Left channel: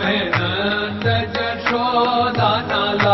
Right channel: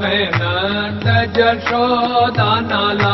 महे न शोदा न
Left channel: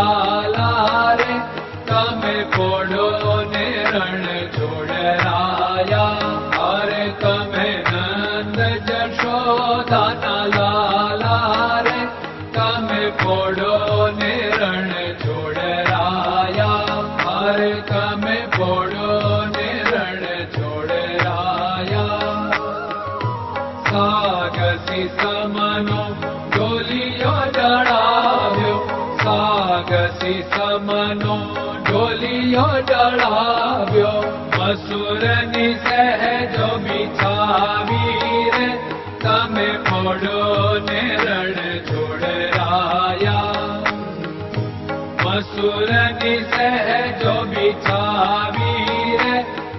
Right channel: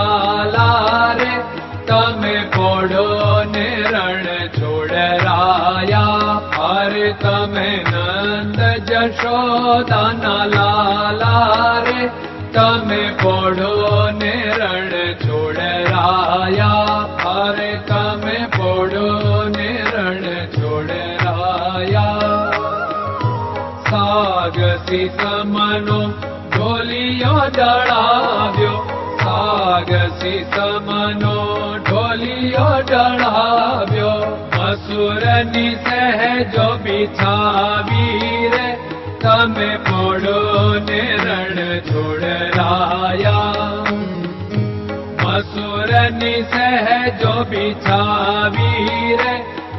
जो बिछावी रे।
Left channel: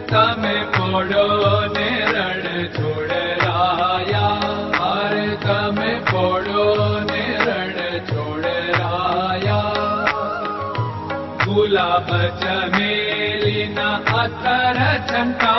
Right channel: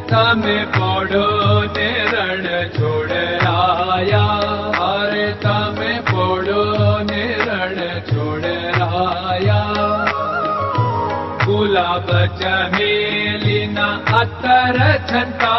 तम पोड़ो ने रण छोड़ राया अरे गुलाब चमेली ना अतर छंटा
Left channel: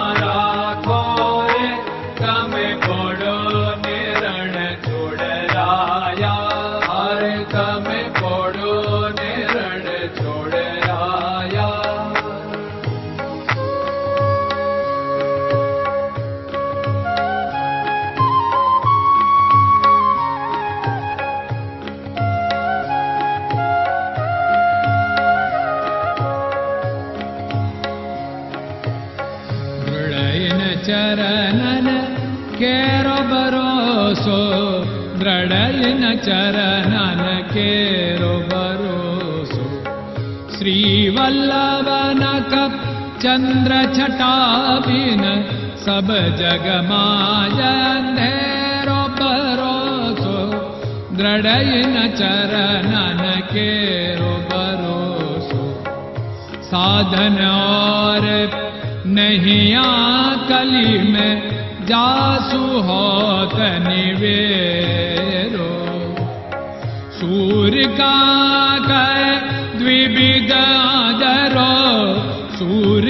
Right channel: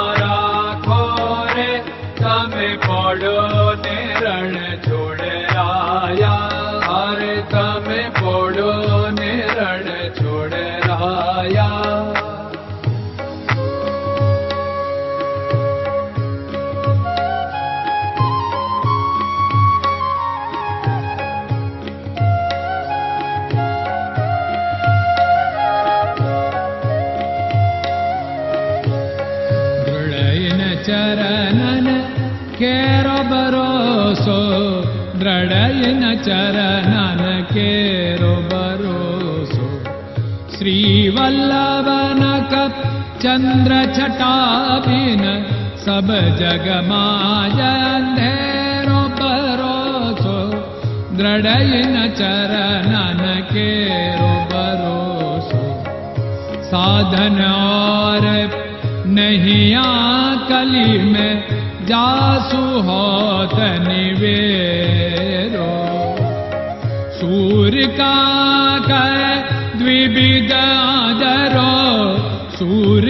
ನಿನ್ನ ಚರಣನ ಕೇರೋ चरन केरो भरोसो द्रडयन चरन केरो भरोसो श्रीवल्लभ चन्द्र छाबिन सब जगमाजेरो भरोसो द्रडयन चरनो भरोसो साधन और नहीं आ कलि मे जासु ह तनिवे सूर्यका दिविदा गरो सूर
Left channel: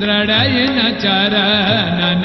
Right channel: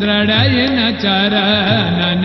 दृढयिन चरणन